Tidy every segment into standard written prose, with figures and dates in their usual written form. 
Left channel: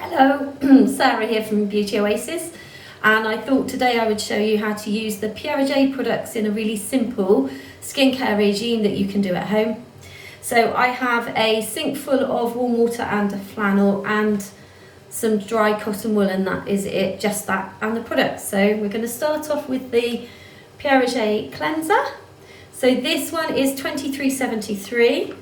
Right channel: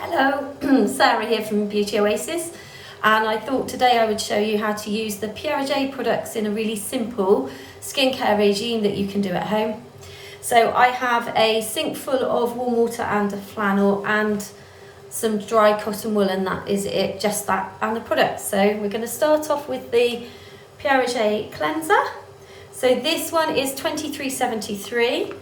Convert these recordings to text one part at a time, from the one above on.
Hello, Sarah here from Beauty Oasis, and I thought today I would show you how to use the Piaget products in a really simple skincare regime that you can do at home. So I have a sink full of warm water and a flannel and some dry cotton wool, and that is it, just that and the products. So we're going to start off with the Piaget cleanser. So this one is 2373.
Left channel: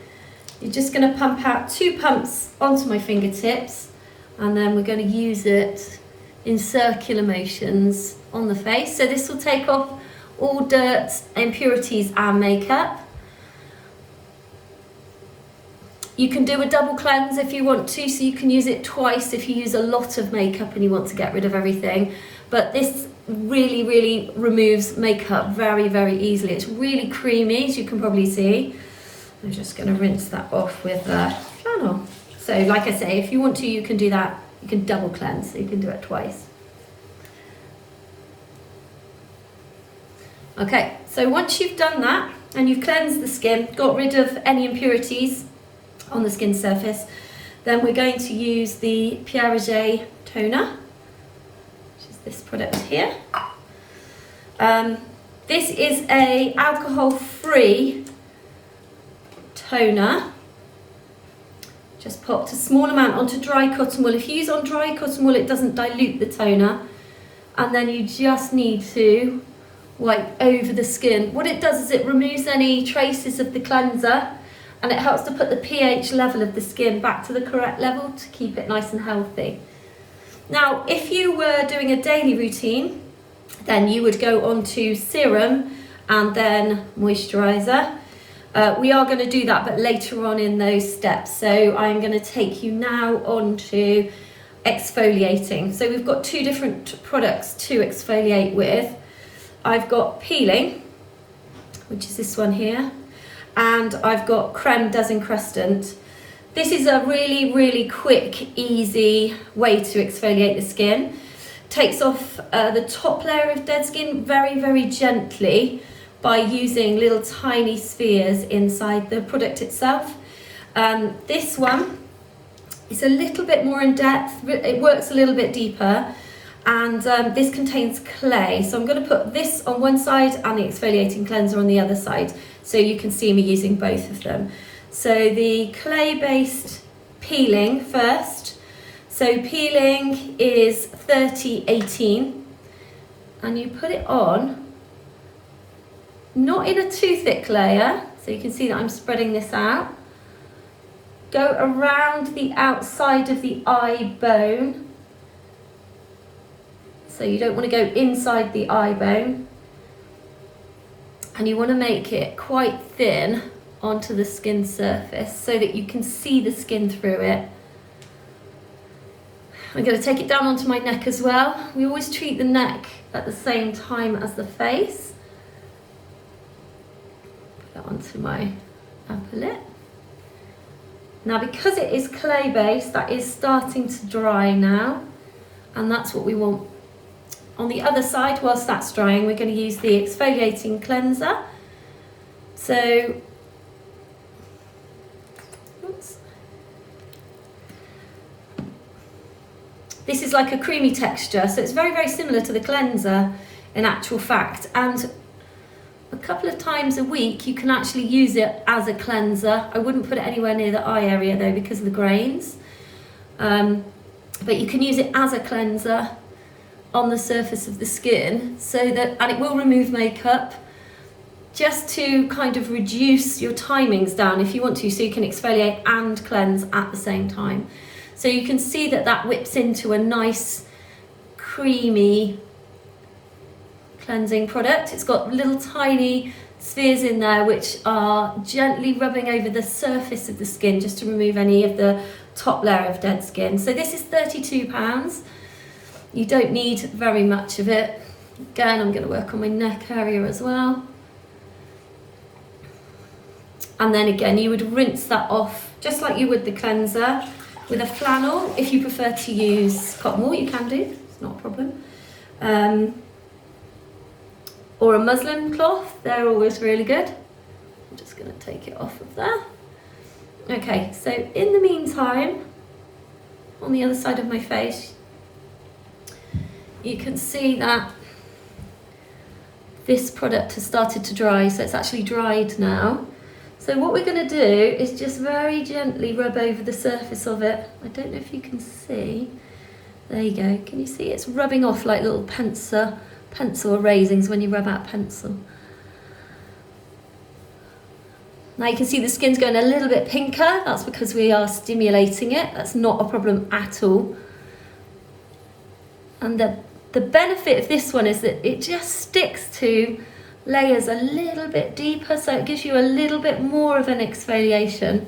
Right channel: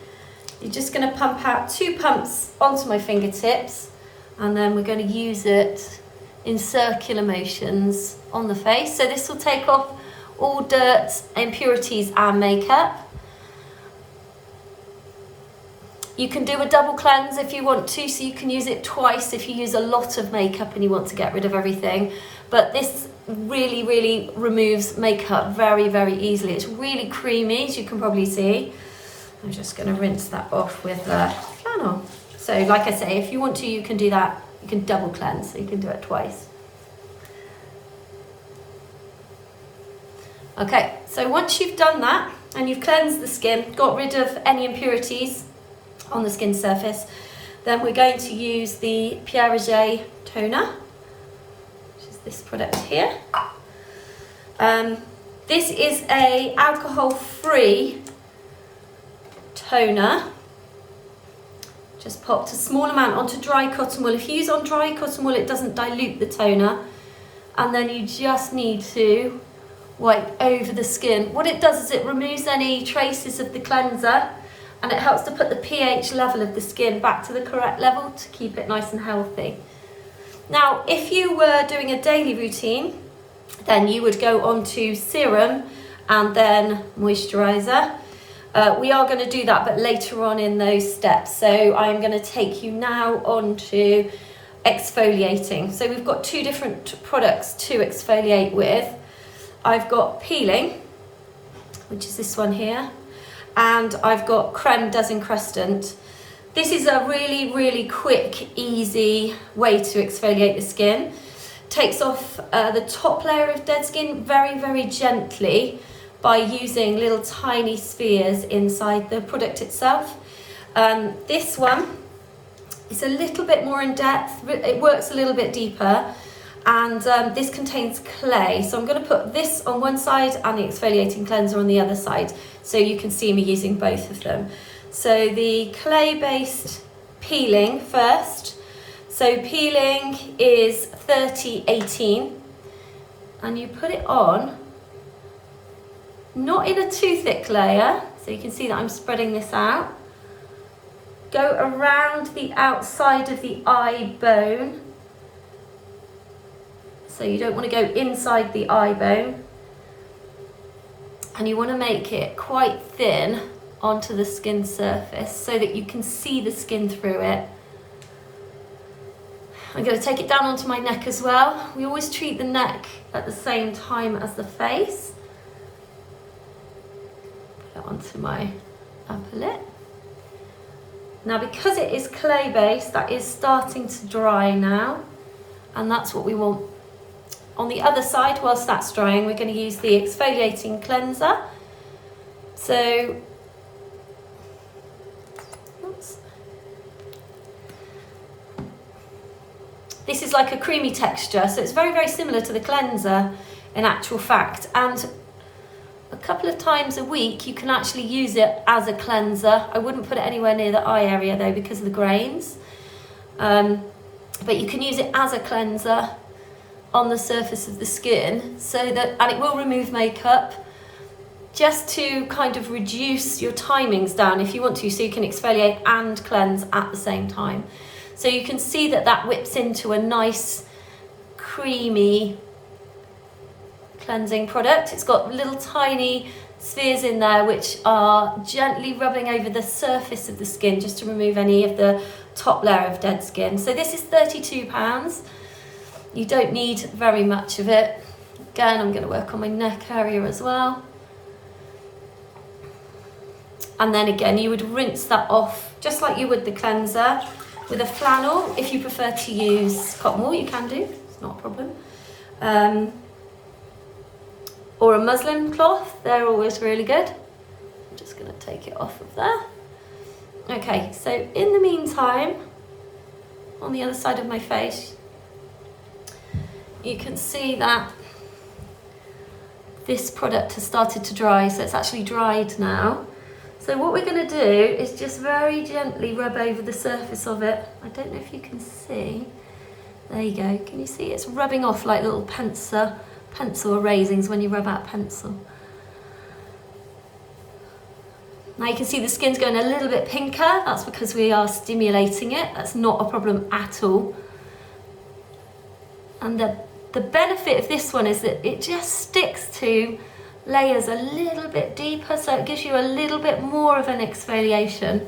You're just going to pump out 2 pumps onto my fingertips, and then we're going to use it in circular motions on the face. So this will take off all dirt, impurities and makeup. You can do a double cleanse if you want to, so you can use it twice if you use a lot of makeup and you want to get rid of everything. But this really removes makeup very easily. It's really creamy, as you can probably see. I'm just going to rinse that off with flannel. So like I say, if you want to, you can do that. You can double cleanse, so you can do it twice. Okay, so once you've done that and you've cleansed the skin, got rid of any impurities on the skin surface, then we're going to use the Piaget toner, which is this product here. This is a alcohol-free toner. Just popped a small amount onto dry cotton wool. If you use on dry cotton wool, it doesn't dilute the toner. And then you just need to wipe over the skin. What it does is it removes any traces of the cleanser, and it helps to put the pH level of the skin back to the correct level to keep it nice and healthy. Now, if you were doing a daily routine, then you would go on to serum and then moisturizer. We are going to do that, but later on in those steps. So I'm going to take you now on to exfoliating. So we've got 2 different products to exfoliate with. I've got peeling, which is this one here, and I've got creme desencrustant. This is a really quick, easy way to exfoliate the skin. Takes off the top layer of dead skin very gently, by using little tiny spheres inside the product itself. This one is a little bit more in depth, it works a little bit deeper, and this contains clay. So I'm going to put this on one side and the exfoliating cleanser on the other side, so you can see me using both of them. So the clay-based peeling first. So peeling is 3018, and you put it on not in a too thick layer, so you can see that I'm spreading this out. Go around the outside of the eye bone. So you don't want to go inside the eye bone. And you want to make it quite thin onto the skin surface so that you can see the skin through it. I'm going to take it down onto my neck as well. We always treat the neck at the same time as the face. Onto my upper lip. Now, because it is clay based, that is starting to dry now, and that's what we want. On the other side, whilst that's drying, we're going to use the exfoliating cleanser. So this is like a creamy texture, so it's very similar to the cleanser in actual fact, and a couple of times a week you can actually use it as a cleanser. I wouldn't put it anywhere near the eye area though, because of the grains, but you can use it as a cleanser on the surface of the skin, so that, and it will remove makeup, just to kind of reduce your timings down if you want to, so you can exfoliate and cleanse at the same time. So you can see that that whips into a nice creamy cleansing product. It's got little tiny spheres in there which are gently rubbing over the surface of the skin just to remove any of the top layer of dead skin. So this is £32. You don't need very much of it. Again, I'm going to work on my neck area as well. And then again, you would rinse that off just like you would the cleanser with a flannel. If you prefer to use cotton wool, you can do, it's not a problem. Or a muslin cloth, they're always really good. I'm just going to take it off of there. Okay, so in the meantime, on the other side of my face, you can see that this product has started to dry, so it's actually dried now. So what we're going to do is just very gently rub over the surface of it. I don't know if you can see. There you go. Can you see it's rubbing off like little pencil erasings when you rub out pencil. Now you can see the skin's going a little bit pinker. That's because we are stimulating it. That's not a problem at all. And the benefit of this one is that it just sticks to layers a little bit deeper, so it gives you a little bit more of an exfoliation.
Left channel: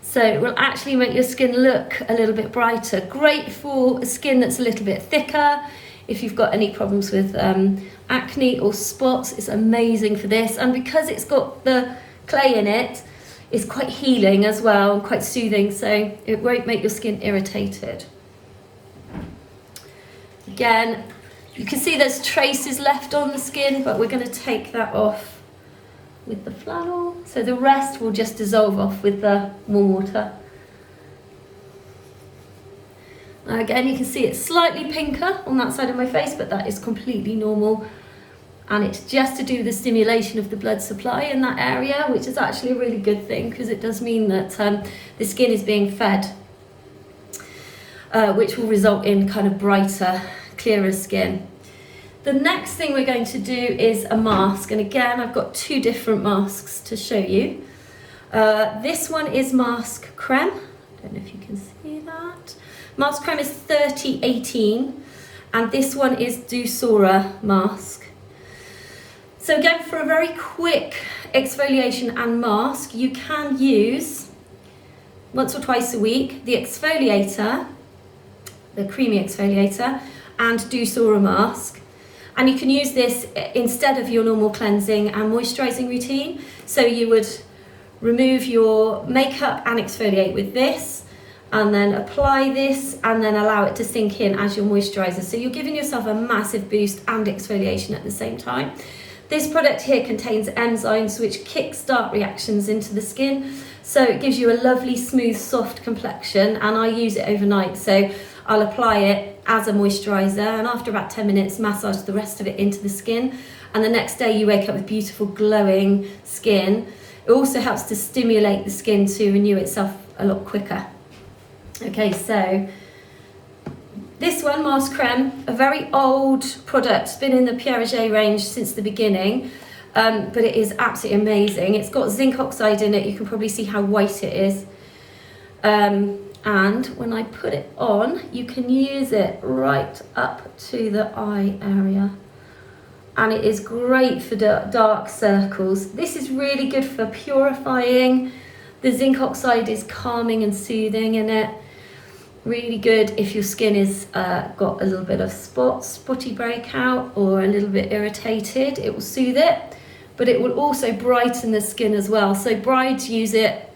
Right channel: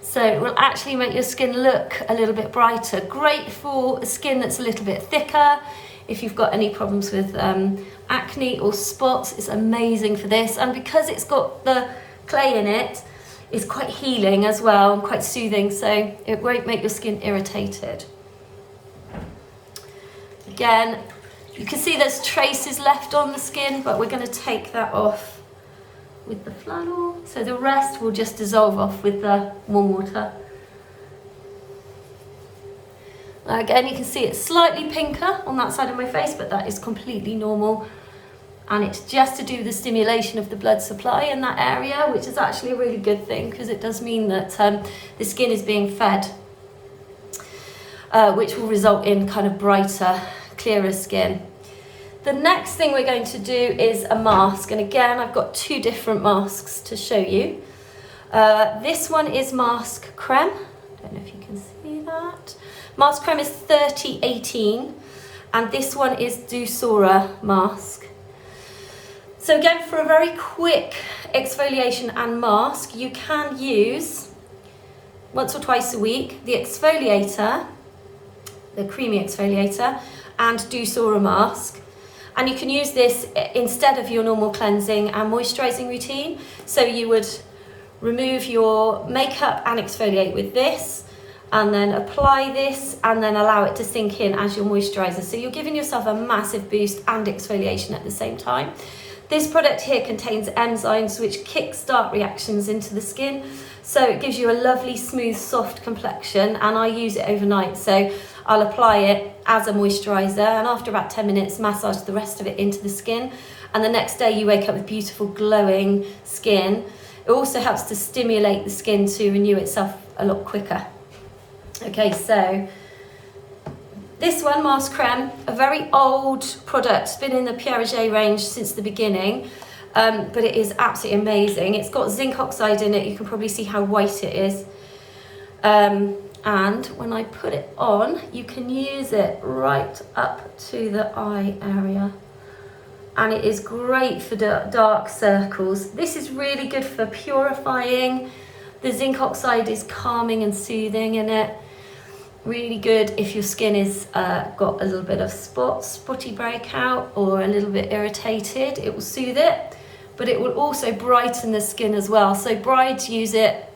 So it will actually make your skin look a little bit brighter. Great for a skin that's a little bit thicker. If you've got any problems with acne or spots, it's amazing for this. And because it's got the clay in it, it's quite healing as well and quite soothing, so it won't make your skin irritated. Again, you can see there's traces left on the skin, but we're going to take that off with the flannel. So the rest will just dissolve off with the warm water. Again, you can see it's slightly pinker on that side of my face, but that is completely normal. And it's just to do with the stimulation of the blood supply in that area, which is actually a really good thing because it does mean that the skin is being fed, which will result in kind of brighter, clearer skin. The next thing we're going to do is a mask, and again I've got two different masks to show you. This one is Mask Creme. I don't know if you can see that. Mask Creme is 3018, and this one is Dousora Mask. So again, for a very quick exfoliation and mask, you can use once or twice a week the exfoliator, the creamy exfoliator, and Dousora Mask. And you can use this instead of your normal cleansing and moisturising routine. So you would remove your makeup and exfoliate with this, and then apply this and then allow it to sink in as your moisturiser. So you're giving yourself a massive boost and exfoliation at the same time. This product here contains enzymes which kickstart reactions into the skin. So it gives you a lovely, smooth, soft complexion, and I use it overnight. So I'll apply it as a moisturiser, and after about 10 minutes, massage the rest of it into the skin. And the next day you wake up with beautiful, glowing skin. It also helps to stimulate the skin to renew itself a lot quicker. Okay, so this one, Mask Creme, a very old product. It's been in the Pierre Roger range since the beginning, but it is absolutely amazing. It's got zinc oxide in it. You can probably see how white it is. And when I put it on, you can use it right up to the eye area. And it is great for dark circles. This is really good for purifying. The zinc oxide is calming and soothing in it. Really good if your skin is got a little bit of spotty breakout or a little bit irritated. It will soothe it, but it will also brighten the skin as well. So brides use it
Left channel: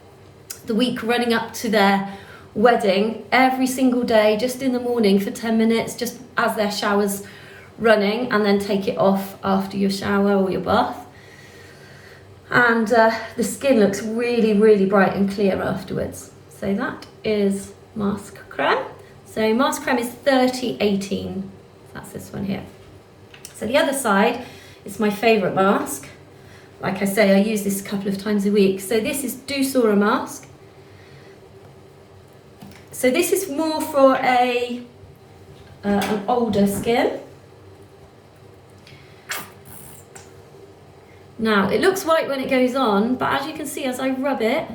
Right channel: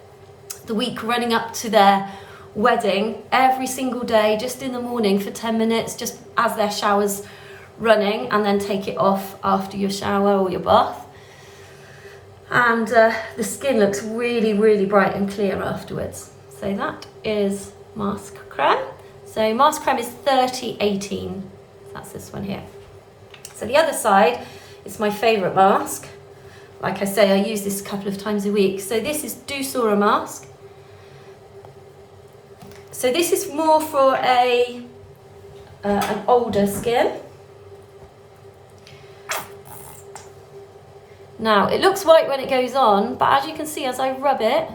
the week running up to their wedding every single day, just in the morning for 10 minutes, just as their shower's running, and then take it off after your shower or your bath. And the skin looks really, really bright and clear afterwards. So that is Mask Creme. So Mask Creme is 3018. That's this one here. So the other side is my favourite mask. Like I say, I use this a couple of times a week. So this is Dousora Mask. So this is more for an older skin. Now, it looks white when it goes on, but as you can see, as I rub it,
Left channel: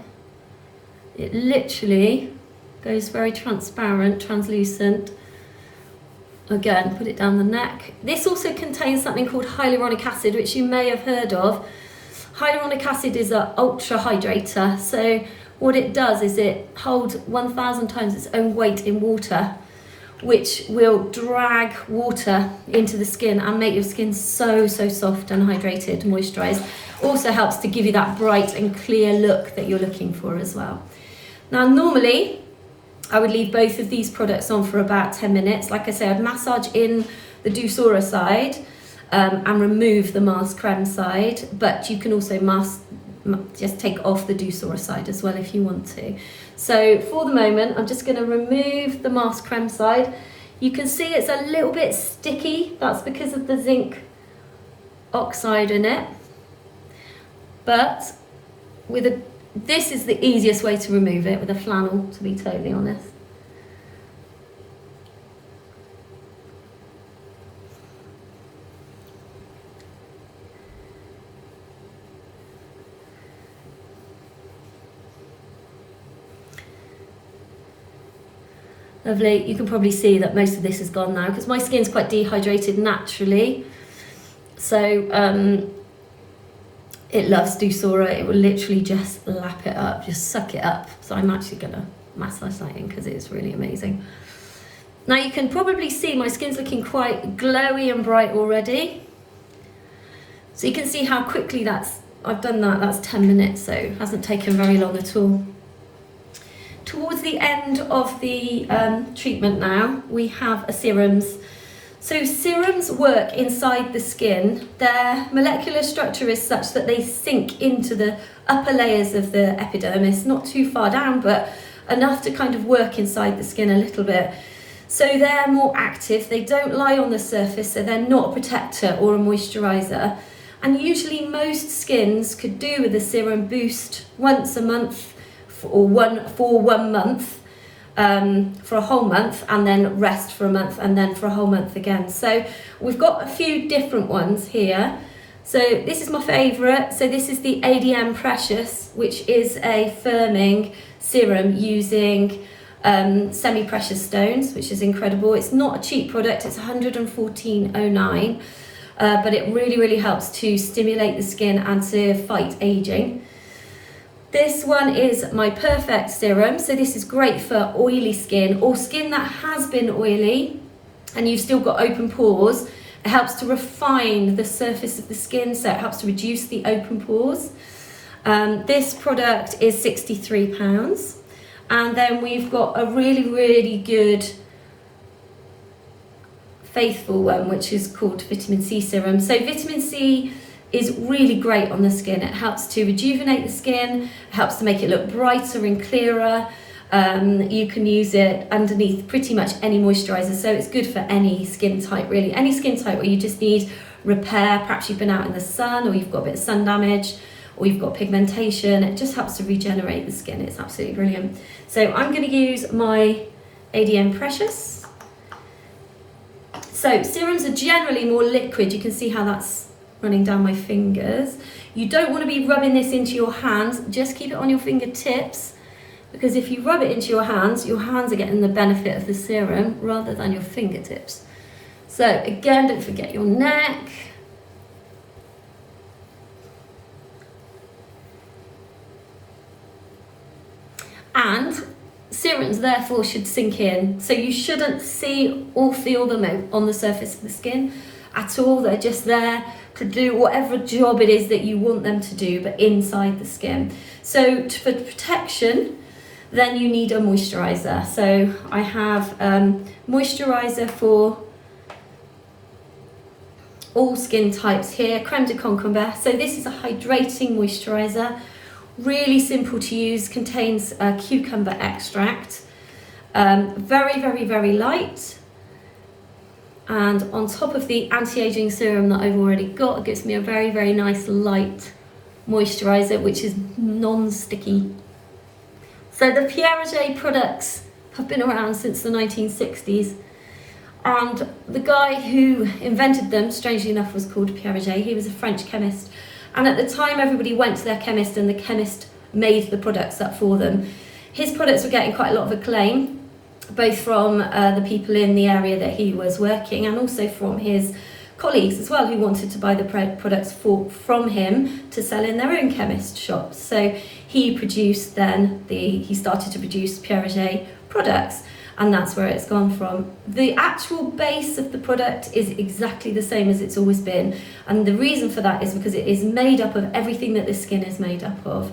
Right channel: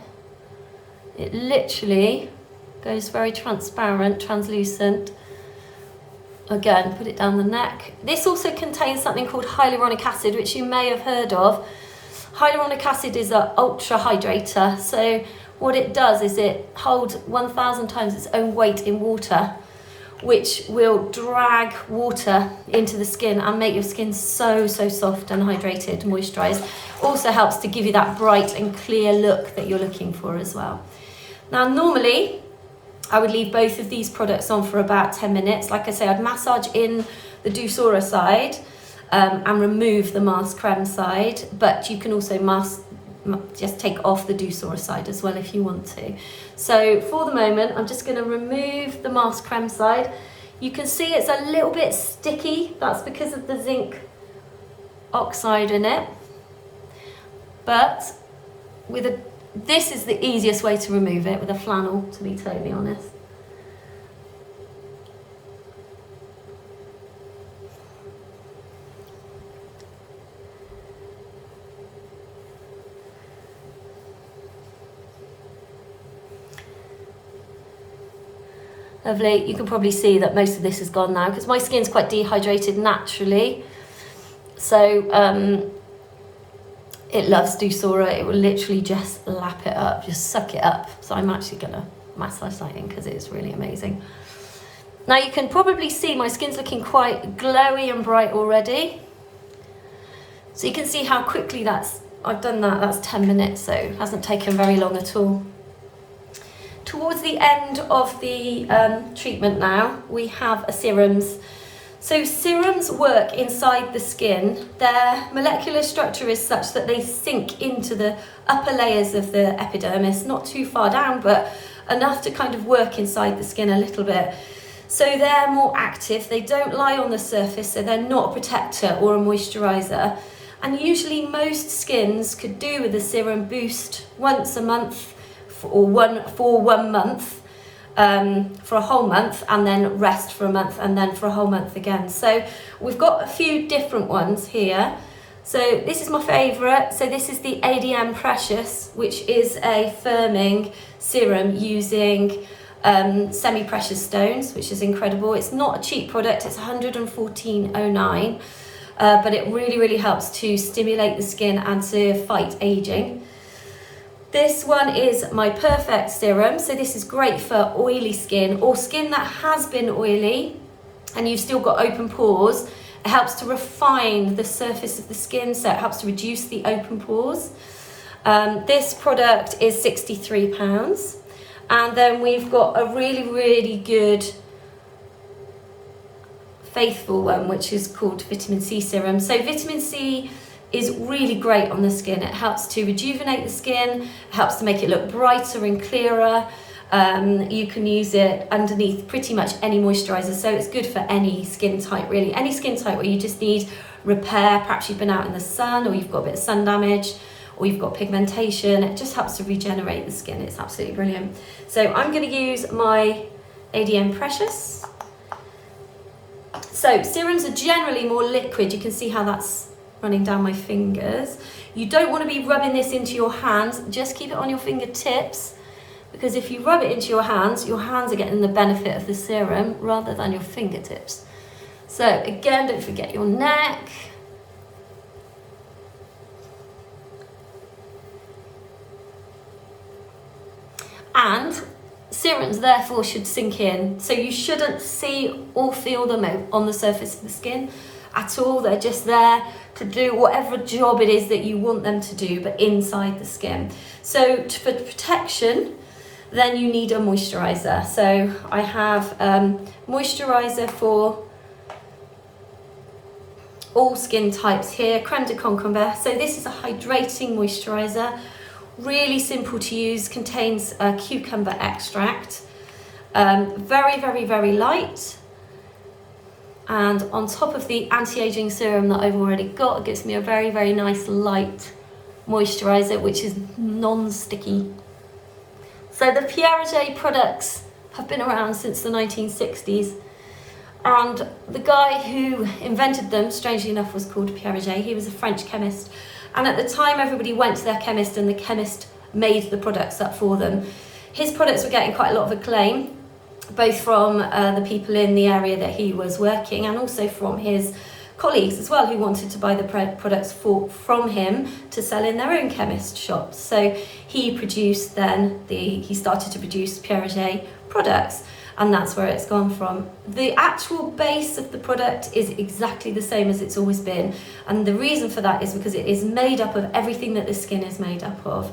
it literally goes very transparent, translucent. Again, put it down the neck. This also contains something called hyaluronic acid, which you may have heard of. Hyaluronic acid is an ultra hydrator. So what it does is it holds 1,000 times its own weight in water, which will drag water into the skin and make your skin so soft and hydrated, moisturised. Also helps to give you that bright and clear look that you're looking for as well. Now, normally, I would leave both of these products on for about 10 minutes. Like I say, I'd massage in the Dousora side and remove the Mask Creme side, but you can also just take off the Douceur side as well if you want to. So for the moment, I'm just going to remove the mask creme side. You can see it's a little bit sticky. That's because of the zinc oxide in it. But this is the easiest way to remove it, with a flannel, to be totally honest. Lovely. You can probably see that most of this is gone now because my skin's quite dehydrated naturally. So it loves Douceur. It will literally just lap it up, just suck it up. So I'm actually going to massage that in because it's really amazing. Now you can probably see my skin's looking quite glowy and bright already. So you can see how quickly I've done that. That's 10 minutes, so it hasn't taken very long at all. Towards the end of the treatment now, we have serums. So serums work inside the skin. Their molecular structure is such that they sink into the upper layers of the epidermis, not too far down, but enough to kind of work inside the skin a little bit. So they're more active, they don't lie on the surface, so they're not a protector or a moisturiser. And usually most skins could do with a serum boost once a month for 1 month, for a whole month, and then rest for a month, and then for a whole month again. So we've got a few different ones here. So this is my favourite. So this is the ADM Precious, which is a firming serum using semi-precious stones, which is incredible. It's not a cheap product, it's 114.09, but it really helps to stimulate the skin and to fight aging. This one is my Perfect Serum. So this is great for oily skin or skin that has been oily and you've still got open pores. It helps to refine the surface of the skin, so it helps to reduce the open pores. This product is £63. And then we've got a really good faithful one, which is called Vitamin C Serum. So Vitamin C is really great on the skin. It helps to rejuvenate the skin, it helps to make it look brighter and clearer. You can use it underneath pretty much any moisturiser, so it's good for any skin type really. Any skin type where you just need repair, perhaps you've been out in the sun or you've got a bit of sun damage or you've got pigmentation, it just helps to regenerate the skin. It's absolutely brilliant. So I'm going to use my ADM Precious. So serums are generally more liquid. You can see how that's running down my fingers. You don't want to be rubbing this into your hands, just keep it on your fingertips, because if you rub it into your hands are getting the benefit of the serum rather than your fingertips. So again, don't forget your neck. And serums therefore should sink in, so you shouldn't see or feel them on the surface of the skin at all. They're just there to do whatever job it is that you want them to do, but inside the skin. So for protection, then you need a moisturiser. So I have moisturiser for all skin types here, Creme de Concombre. So this is a hydrating moisturiser, really simple to use, contains cucumber extract, very light. And on top of the anti-aging serum that I've already got, it gives me a very nice light moisturiser, which is non-sticky. So the Pierre Roger products have been around since the 1960s. And the guy who invented them, strangely enough, was called Pierre Roger. He was a French chemist. And at the time, everybody went to their chemist and the chemist made the products up for them. His products were getting quite a lot of acclaim, both from the people in the area that he was working and also from his colleagues as well, who wanted to buy the products from him to sell in their own chemist shops. So he started to produce Pierre Roger products, and that's where it's gone from. The actual base of the product is exactly the same as it's always been, and the reason for that is because it is made up of everything that the skin is made up of.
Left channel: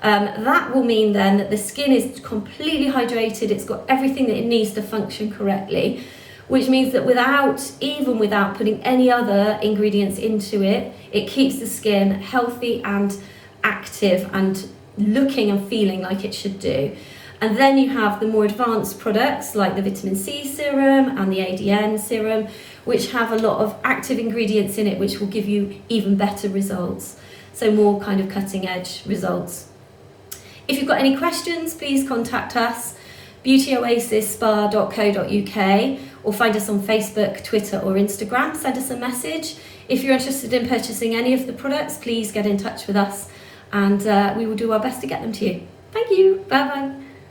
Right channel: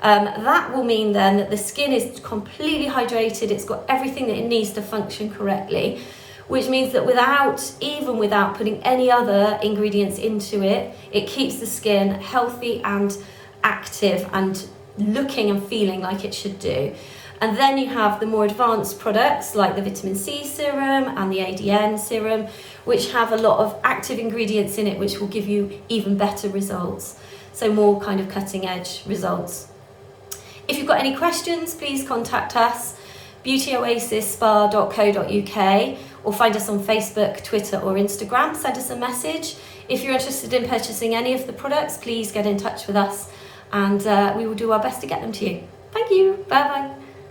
That will mean then that the skin is completely hydrated, it's got everything that it needs to function correctly, which means that without putting any other ingredients into it, it keeps the skin healthy and active and looking and feeling like it should do. And then you have the more advanced products like the vitamin C serum and the ADN serum, which have a lot of active ingredients in it, which will give you even better results. So more kind of cutting edge results. If you've got any questions, please contact us, beautyoasisspa.co.uk, or find us on Facebook, Twitter or Instagram. Send us a message. If you're interested in purchasing any of the products, please get in touch with us and we will do our best to get them to you. Thank you. Bye bye.